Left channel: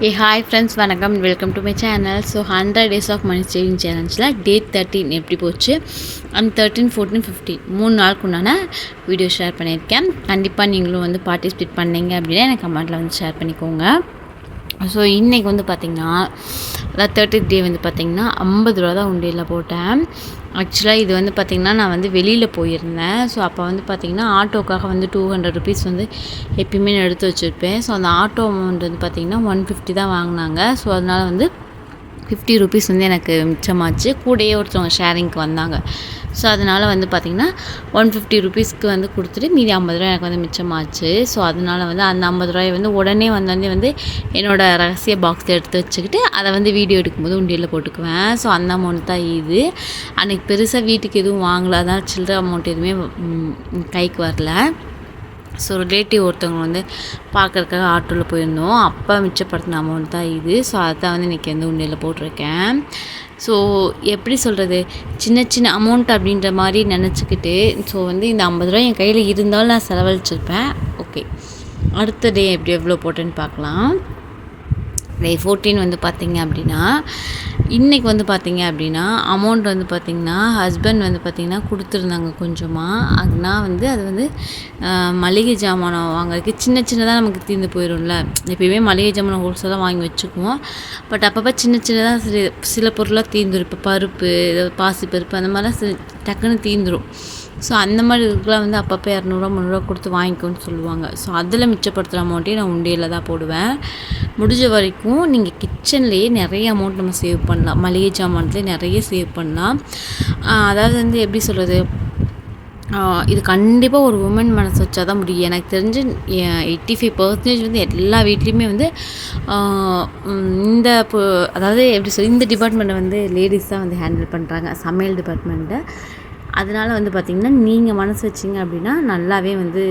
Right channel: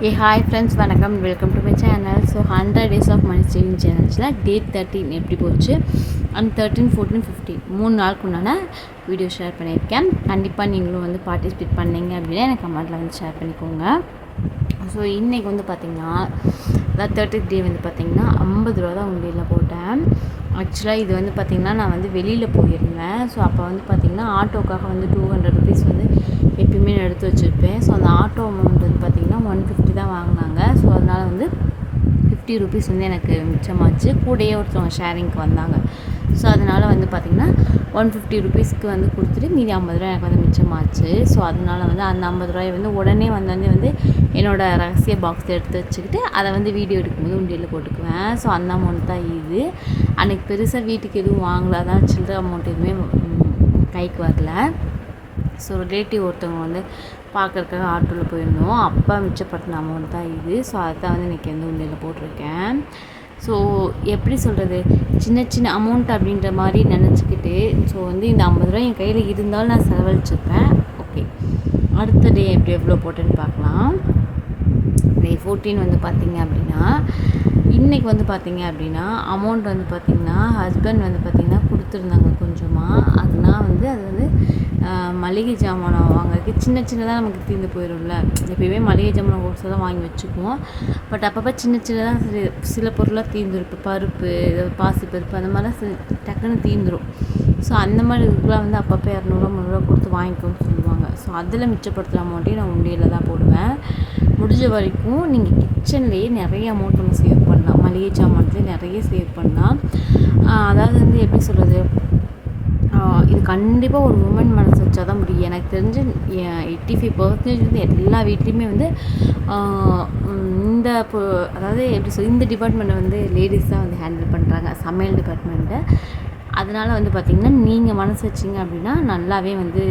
Hi friends, வணக்கம். Welcome to my channel. So 100 days of money saving சேலஞ்சில் day 13 எப்படி போச்சு அண்ட் 13, 14, 15 3 நாளுக்கு உண்டான வீடியோ ஷேர் பண்ணியிருக்கேன். கண்டிப்பாக நீங்களும் வந்து பார்ட்டிசிபேட் பண்ணீங்க அப்படின்னா எனக்கு கமெண்ட்டில் வந்து ஷேர் பண்ணிக்கோங்க. ஸோ இன்றைக்கி வந்து பார்த்திங்கன்னா அதாவது 30th டே வந்து பார்த்திங்கன்னா 50 ரூபா தான் உண்டியலில் போட்டேன். ஆக்சுவலாக இது வந்து பார்த்திங்கன்னா நான் வந்து வெளியில் போயிருந்தேன். ஸோ அப்போ வந்து பார்த்திங்கன்னா ஆட்டோக்காக வந்து 200 ருபீஸ் வந்து எப்பயுமே நான் எடுத்து வச்சுருப்பேன். ஸோ அந்த ஆட்டோ அமௌண்ட் வந்து பார்த்திங்கன்னா 150 தான் வாங்கினாங்க. ஸோ அதனால் வந்து 50 ருபீஸ் வந்து எனக்கு மிச்சமாச்சு. கூடயே ஒருத்தவங்க ஷேரிங்க்கு வந்தாங்க. ஸோ அதனால் வந்து பார்த்திங்கன்னா 150 ருபீஸ்க்கு வந்து கொடுத்துட்டு மீதி 50 ரூபா எனக்கு வந்து மிச்சமாச்சு. ஸோ அதனால் வந்து அந்த 50 ரூபாயை வந்து உடனே வந்து என்னோடய ரகசிய பாக்ஸில் எடுத்து வச்சுக்கிட்டு அதை வந்து வீடியோ எடுக்கும்போது உண்டியலில் போட்டுக்குவேன். ஸோ அந்த அமௌண்ட் தான் இது. அன்றைக்கி பெருசாக வீட்டுக்கு எதுவும் வாங்கல, அதான் சில்லற அமௌண்ட் எதுவுமே கைக்கு வரல. ஸோ ரிலேட்டிவ் ஒருத்தவங்க வந்து பார்க்குறதுக்காக ஆட்டோவில் போயிருந்தோம். அப்போ மிச்சப்படுத்தின அமௌண்ட் தான் இது. ஸோ அதுதான் வந்து இன்றைக்கி வந்து உண்டியலில் போட்டிருக்கேன். ஸோ எப்படி சொல்கிறது, சின்ன சின்ன அமௌண்ட் அப்படின்ற மாதிரி நினச்சிக்கிட்டு ஸோ வந்து இந்த 50 ரூபா என் கையில் இருந்தாலும் நான் செலவழிச்சிருப்பேன். ஓகே, அடுத்த டே எப்படி எவ்வளோ போட்டேன்னு பார்க்கலாம். டே 14 வந்து பார்த்திங்க அப்படின்னா இன்றைக்கி வந்து பார்த்திங்க அப்படின்னா அமௌண்ட் வந்து பார்த்திங்கன்னா ஹஸ்பண்ட் வந்து பார்த்திங்கன்னா கொடுத்துருந்தாங்க கொஞ்சமாக. அதுனால் வந்து அது வந்து மளிகை ஜாமானம் வாங்குறதுக்கு சின்னதாக நமக்கு தீர்ந்து போயிடும்ல. எப்பயுமே மளிகை ஜாமானம் ஹோல்சேலாக வாங்கி வச்சுக்குவோம். பட் அப்பப்போ சின்னதாக சில பொருளாக தீர்ந்துடும். இப்போ பருப்பு, பாசிப்பருப்பு அந்த மாதிரிலாம் டக்குன்னு தீர்ந்துடும். ஸோ அந்த மாதிரி இதுக்கெலாம் வந்து அப்பப்போ 200 300 கொடுத்து வாங்கிக்கோன்னு சொல்லுவாங்க. ஸோ அதில் மிச்சப்படுத்துகிற அமௌண்ட்டையும் நான் உண்டியலில் தான் போடுவேன். முடிஞ்ச வரைக்கும் நீங்கள் கிச்சன்லேயே நிறைய அமௌண்ட் நம்ம சேவ் பண்ணலாம். மளிகை ஜாமான்லேயே நிறைய சேவ் பண்ணலாம். அதாவது வந்து எப்படி சொல்கிறது, இது கண்டிப்பாக ஒரு உமன் மனசு வச்சா தான் முடியும். எனக்கு தெரிஞ்சு 85% வந்து எல்லா வீட்லேயுமே வந்து அதாவது எப்படி இந்த டிபார்ட்மெண்ட்டை வந்து லேடிஸ் தான் வந்து ஹேண்டில் பண்ணுறாங்க, சமையல் டிபார்ட்மெண்ட்டை. அதனால் வந்து பார்த்திங்கன்னா நீங்கள் மனசு வச்சிங்க அப்படின்னா நல்லாவே வந்து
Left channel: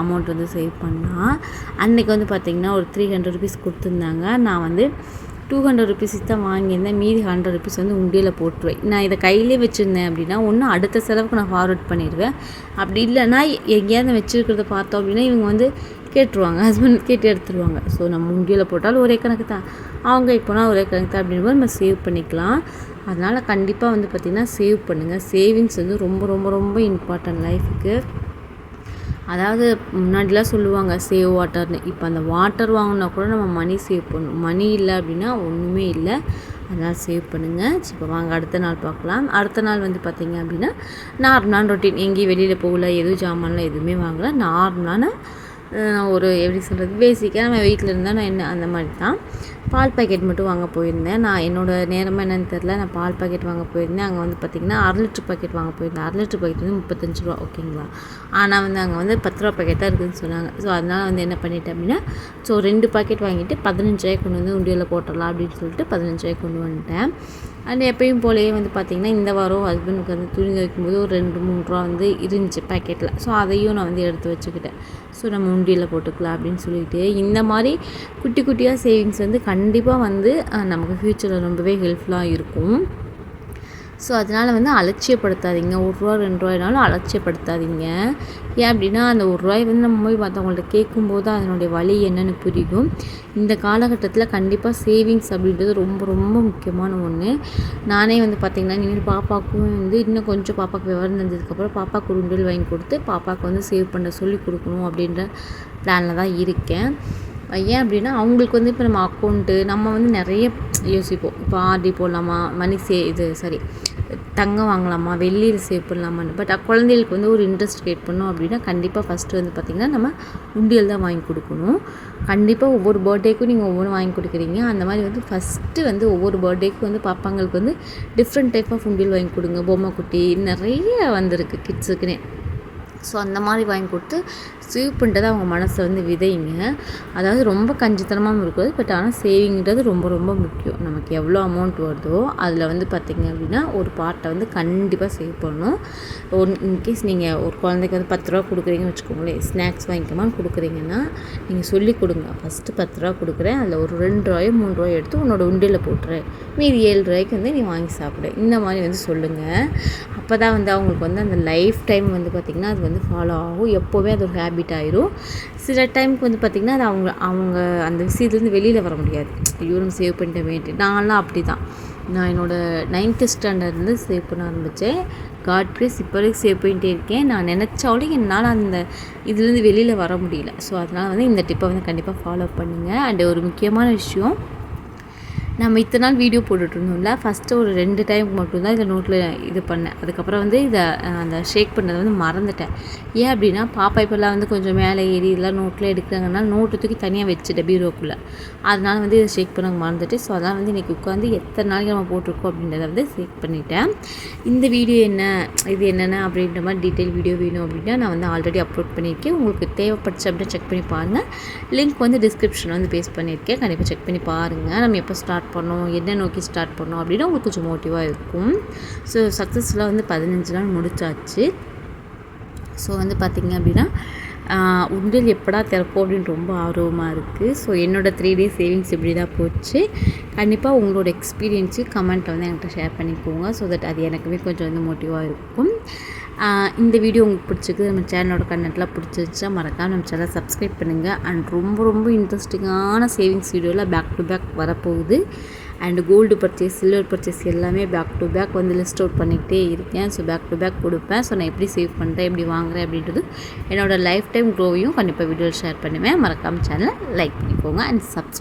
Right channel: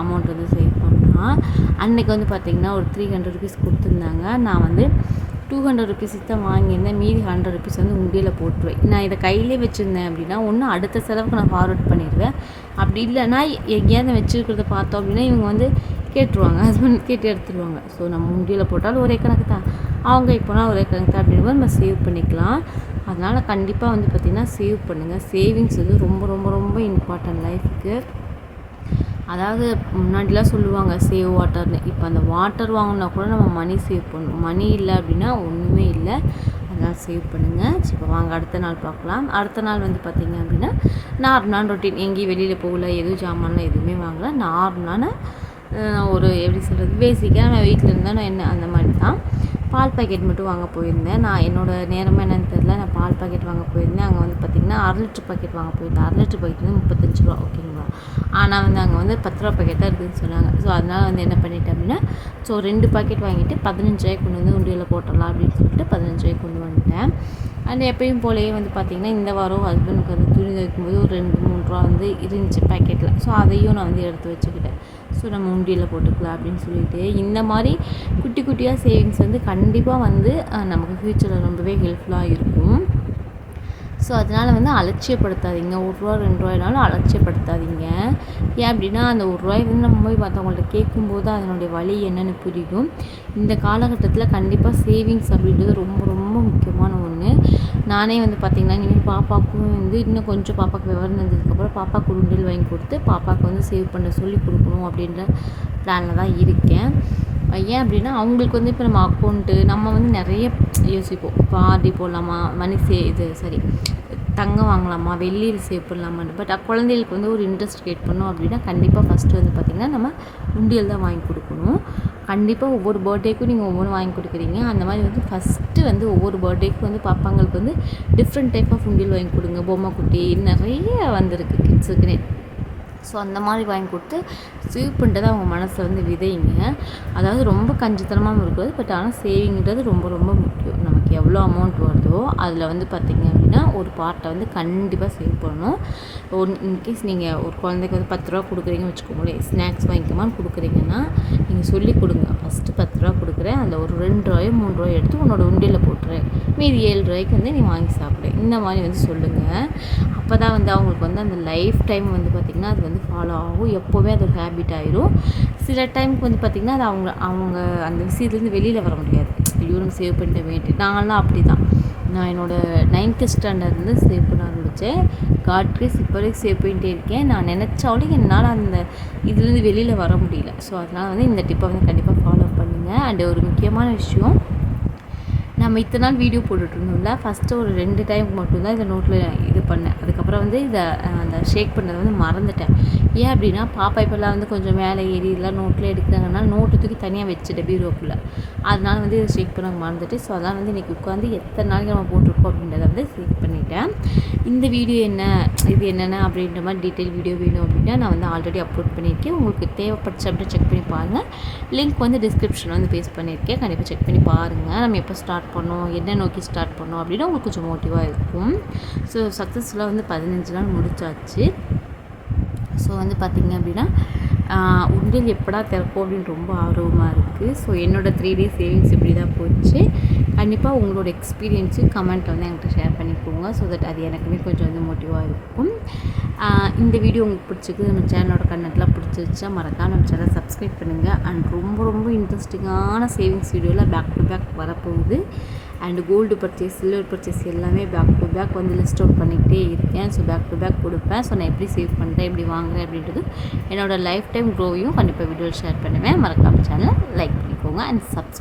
அமௌண்ட் வந்து சேவ் பண்ணலாம். அன்றைக்கி வந்து பார்த்திங்கன்னா ஒரு 300 ருபீஸ் கொடுத்துருந்தாங்க. நான் வந்து 200 ருபீஸ் தான் வாங்கியிருந்தேன். மீதி 100 ருபீஸ் வந்து உண்டியில் போட்டுருவேன். நான் இதை கையிலே வச்சுருந்தேன் அப்படின்னா ஒன்று அடுத்த செலவுக்கு நான் ஃபார்வர்ட் பண்ணிடுவேன். அப்படி இல்லைன்னா எங்கேயாவது வச்சுருக்கிறத பார்த்தோம் அப்படின்னா இவங்க வந்து கேட்டுருவாங்க, ஹஸ்பண்ட் கேட்டு எடுத்துருவாங்க. ஸோ நம்ம உண்டியில் போட்டாலும் ஒரே கணக்கு தான், அவங்க இப்போனா ஒரே கணக்கு தான் அப்படின்ற நம்ம சேவ் பண்ணிக்கலாம். அதனால் கண்டிப்பாக வந்து பார்த்திங்கன்னா சேவ் பண்ணுங்கள். சேவிங்ஸ் வந்து ரொம்ப ரொம்ப ரொம்ப இம்பார்ட்டன்ட் லைஃபுக்கு. அதாவது முன்னாடிலாம் சொல்லுவாங்க சேவ் வாட்டர்னு. இப்போ அந்த வாட்டர் வாங்கினா கூட நம்ம மணி சேவ் பண்ணணும். மணி இல்லை அப்படின்னா ஒன்றுமே இல்லை. அதனால் சேவ் பண்ணுங்கள். இப்போ வாங்க அடுத்த நாள் பார்க்கலாம். அடுத்த நாள் வந்து பார்த்திங்க அப்படின்னா நார்மலான ரொட்டீன். எங்கேயும் வெளியில் போகல, எதுவும் ஜாமான்லாம் எதுவுமே வாங்கலை. நார்மலான ஒரு எப்படி சொல்கிறது, பேசிக்காக நம்ம வீட்டில் இருந்தால் நான் என்ன அந்த மாதிரி தான். பால் பாக்கெட் மட்டும் வாங்க போயிருந்தேன். நான் என்னோடய நேரமாக என்னென்னு தெரில, நான் பால் பாக்கெட் வாங்க போயிருந்தேன். அங்கே வந்து பார்த்திங்கன்னா 1/2 லிட்டர் பாக்கெட் வாங்க போயிருந்தேன். 1/2 லிட்டர் பாக்கெட் வந்து 35 ரூபா, ஓகேங்களா. ஆனால் வந்து அங்கே வந்து 10 ரூபா பாக்கெட் தான் இருக்குதுன்னு சொன்னாங்க. ஸோ அதனால் வந்து என்ன பண்ணிட்டேன் அப்படின்னா 2 பாக்கெட் வாங்கிட்டு 15 ரூபாய்க்கு கொண்டு வந்து உண்டியலில் போட்டுடலாம் அப்படின்னு சொல்லிட்டு 15 ரூபாய்க்கு கொண்டு வந்துட்டேன். அண்ட் எப்பயும் போலேயே வந்து பார்த்திங்கன்னா இந்த வாரம் ஹஸ்பண்டுக்கு வந்து துணி துவைக்கும்போது ஒரு 2-3 ரூபா வந்து இருந்துச்சு பாக்கெட்டில். ஸோ அதையும் நான் வந்து எடுத்து வச்சுக்கிட்டேன். ஸோ நம்ம உண்டியலில் போட்டுக்கலாம் அப்படின்னு சொல்லிட்டு இந்த மாதிரி குட்டி குட்டியாக சேவிங்ஸ் வந்து கண்டிப்பாக வந்து நமக்கு ஃப்யூச்சரில் ரொம்பவே ஹெல்ப்ஃபுல்லாக இருக்கும். ஸோ அதனால் வந்து அலட்சியப்படுத்தாதீங்க. 1 ரூபா 2 ரூபாய்னாலும் அலட்சியப்படுத்தாதீங்க. ஏன் அப்படின்னா அந்த 1 ரூபாய் வந்து நம்ம போய் மற்றவங்கள்ட்ட கேட்கும்போது அதனுடைய வலி என்னென்னு புரியும். இந்த காலகட்டத்தில் கண்டிப்பாக சேவிங்ஸ் அப்படின்றது ரொம்ப ரொம்ப முக்கியமான ஒன்று. நானே வந்து பார்த்திங்கன்னா இனிமேல் பாப்பாவுக்கும் வந்து இன்னும் கொஞ்சம் பாப்பாவுக்கு விவரம் தெரிஞ்சதுக்கப்புறம் பாப்பாவுக்கு ஒரு உண்டியல் வாங்கி கொடுத்து பாப்பாவுக்கு வந்து சேவ் பண்ண சொல்லி கொடுக்கணும் அப்படின்ற பிளானில் தான் இருக்கேன். ஏன் அப்படின்னா அவங்களுக்கு வந்து இப்போ நம்ம அக்கௌண்ட்டு நம்ம வந்து நிறைய யோசிப்போம். இப்போ ஆர்டி போடலாமா, மணி தங்கம் வாங்கலாமா, வெள்ளியில் சேவ் பண்ணலாமான்னு. பட் குழந்தைகளுக்கு வந்து ஒரு இன்ட்ரெஸ்ட் கிரியேட் பண்ணோம் அப்படின்னா கண்டிப்பாக ஃபஸ்ட்டு வந்து பார்த்திங்கன்னா நம்ம உண்டியல் தான் வாங்கி கொடுக்கணும். கண்டிப்பாக ஒவ்வொரு பர்த்டேக்கும் நீங்கள் ஒவ்வொன்று வாங்கி கொடுக்குறீங்க. அந்த மாதிரி வந்து ஃபஸ்ட்டு வந்து ஒவ்வொரு பர்த்டேக்கும் வந்து பாப்பாங்களுக்கு வந்து டிஃப்ரெண்ட் டைப் ஆஃப் உண்டியல் வாங்கி கொடுங்க. பொம்மை குட்டி நிறைய வந்திருக்கு கிட்ஸுக்குன்னே. ஸோ அந்த மாதிரி வாங்கி கொடுத்து சேவ் பண்ணுறது அவங்க மனசில் வந்து விதைங்க. அதாவது ரொம்ப கஞ்சித்தனமாக இருக்காது, பட் ஆனால் சேவிங்கிறது ரொம்ப ரொம்ப முக்கியம். நமக்கு எவ்வளோ அமௌண்ட் வருதோ அதில் வந்து பார்த்திங்க அப்படின்னா ஒரு பார்ட்டை வந்து கண்டிப்பாக சேவ் பண்ணணும். இன்கேஸ் நீங்கள் ஒரு குழந்தைக்கு வந்து 10 ரூபா கொடுக்குறீங்கன்னு வச்சுக்கோங்களேன், ஸ்நாக்ஸ் வாங்கிக்கமான்னு கொடுக்குறீங்கன்னா நீங்கள் சொல்லி கொடுங்க. ஃபஸ்ட்டு 10 ரூபா கொடுக்குறேன், அதில் ஒரு 2 ரூபாயோ 3 ரூபாயோ எடுத்து உன்னோட உண்டியில் போட்டுறேன், மீதி 7 ரூபாய்க்கு வந்து நீ வாங்கி சாப்பிடு. இந்த மாதிரி வந்து சொல்லுங்கள். அப்போ தான் வந்து அவங்களுக்கு வந்து அந்த லைஃப் டைம் வந்து பார்த்திங்கன்னா அது வந்து ஃபாலோ ஆகும். எப்போவுமே அது ஒரு ஹேபிட் ஆயிரும். சில டைமுக்கு வந்து பார்த்திங்கன்னா அது அவங்க அந்த விஷயத்துலேருந்து வெளியில் வர முடியாது. ஐயோ நம்ம சேவ் பண்ணிட்டோமேன்ட்டு. நான்லாம் அப்படி தான். நான் என்னோடய 9th ஸ்டாண்டர்ட்லேருந்து சேவ் பண்ண ஆரம்பித்தேன். காட் கிரேஸ் இப்போ வரைக்கும் சேவ் பண்ணிகிட்டே இருக்கேன். நான் நினச்சாலும் என்னால் அந்த இதுலேருந்து வெளியில் வர முடியல. ஸோ அதனால் வந்து இந்த டிப்பை வந்து கண்டிப்பாக ஃபாலோ பண்ணுங்கள். அண்ட் ஒரு முக்கியமான விஷயம், நம்ம இத்தனை நாள் வீடியோ போட்டுட்ருந்தோம்ல, ஃபஸ்ட்டு ஒரு 2 டைமுக்கு மட்டும்தான் இதை நோட்டில் இது பண்ணேன். அதுக்கப்புறம் வந்து இதை அந்த ஷேக் பண்ணதை வந்து மறந்துட்டேன். ஏன் அப்படின்னா பாப்பா இப்போல்லாம் வந்து கொஞ்சம் மேலே ஏறி இதெல்லாம் நோட்டில் எடுக்கிறாங்கனால நோட்டு தூக்கி தனியாக வச்சுட்டேன் பீரோக்குள்ளே. அதனால் வந்து இதை ஷேக் பண்ண மறந்துட்டு, ஸோ அதான் வந்து இன்றைக்கி உட்காந்து எத்தனை நாளைக்கு நம்ம போட்டிருக்கோம் அப்படின்றத வந்து ஷேக் பண்ணிட்டேன். இந்த வீடியோ என்ன, இது என்னென்ன அப்படின்ற மாதிரி டீட்டெயில் வீடியோ வேணும் அப்படின்னா நான் வந்து ஆல்ரெடி அப்லோட் பண்ணியிருக்கேன். உங்களுக்கு தேவைப்பட்டுச்சு அப்படின்னா செக் பண்ணி பாருங்கள். லிங்க் வந்து டிஸ்கிரிப்ஷனில் வந்து பேஸ்ட் பண்ணியிருக்கேன். கண்டிப்பாக செக் பண்ணி பாருங்கள். நம்ம எப்போ ஸ்டார்ட் பண்ணோம், என்ன நோக்கி ஸ்டார்ட் பண்ணோம் அப்படின்னா உங்களுக்கு கொஞ்சம் மோட்டிவாக இருக்கும். ஸோ சக்ஸஸ்ஃபுல்லாக வந்து 15 நாள் முடிச்சாச்சு. ஸோ வந்து பார்த்திங்க அப்படின்னா உண்டியல் எப்படா திறப்போம் அப்படின்னு ரொம்ப ஆர்வமாக இருக்குது. ஸோ என்னோடய 3 days சேவிங்ஸ் இப்படி தான் போச்சு. கண்டிப்பாக உங்களோட எக்ஸ்பீரியன்ஸையும் கமெண்ட்டில் வந்து என்கிட்ட ஷேர் பண்ணிக்கோங்க. ஸோ தட் அது எனக்குமே கொஞ்சம் வந்து மோட்டிவாக இருக்கும். இந்த வீடியோ உங்களுக்கு பிடிச்சிருக்கு, நம்ம சேனலோட கண்டென்ட்லாம் பிடிச்சிருச்சா மறக்காம நம்ம சேனலை சப்ஸ்கிரைப் பண்ணுங்கள். அண்ட் ரொம்ப ரொம்ப இன்ட்ரெஸ்டிங்கான சேவிங்ஸ் வீடியோவில் பேக் டு பேக் வரப்போகுது. And gold purchase, silver purchase எல்லாமே பேக் டு பேக் வந்து லிஸ்ட் அவுட் பண்ணிக்கிட்டே இருக்கேன். ஸோ பேக் டு பேக் கொடுப்பேன். ஸோ நான் எப்படி சேவ் பண்ணுறேன், எப்படி வாங்குறேன் அப்படின்றது என்னோடய லைஃப் டைம் க்ரோவையும் கண்டிப்பாக வீடியோவில் ஷேர் பண்ணுவேன். மறக்காமல் சேனலை லைக் பண்ணிக்கோங்க அண்ட் சப்ஸ்கிரைப்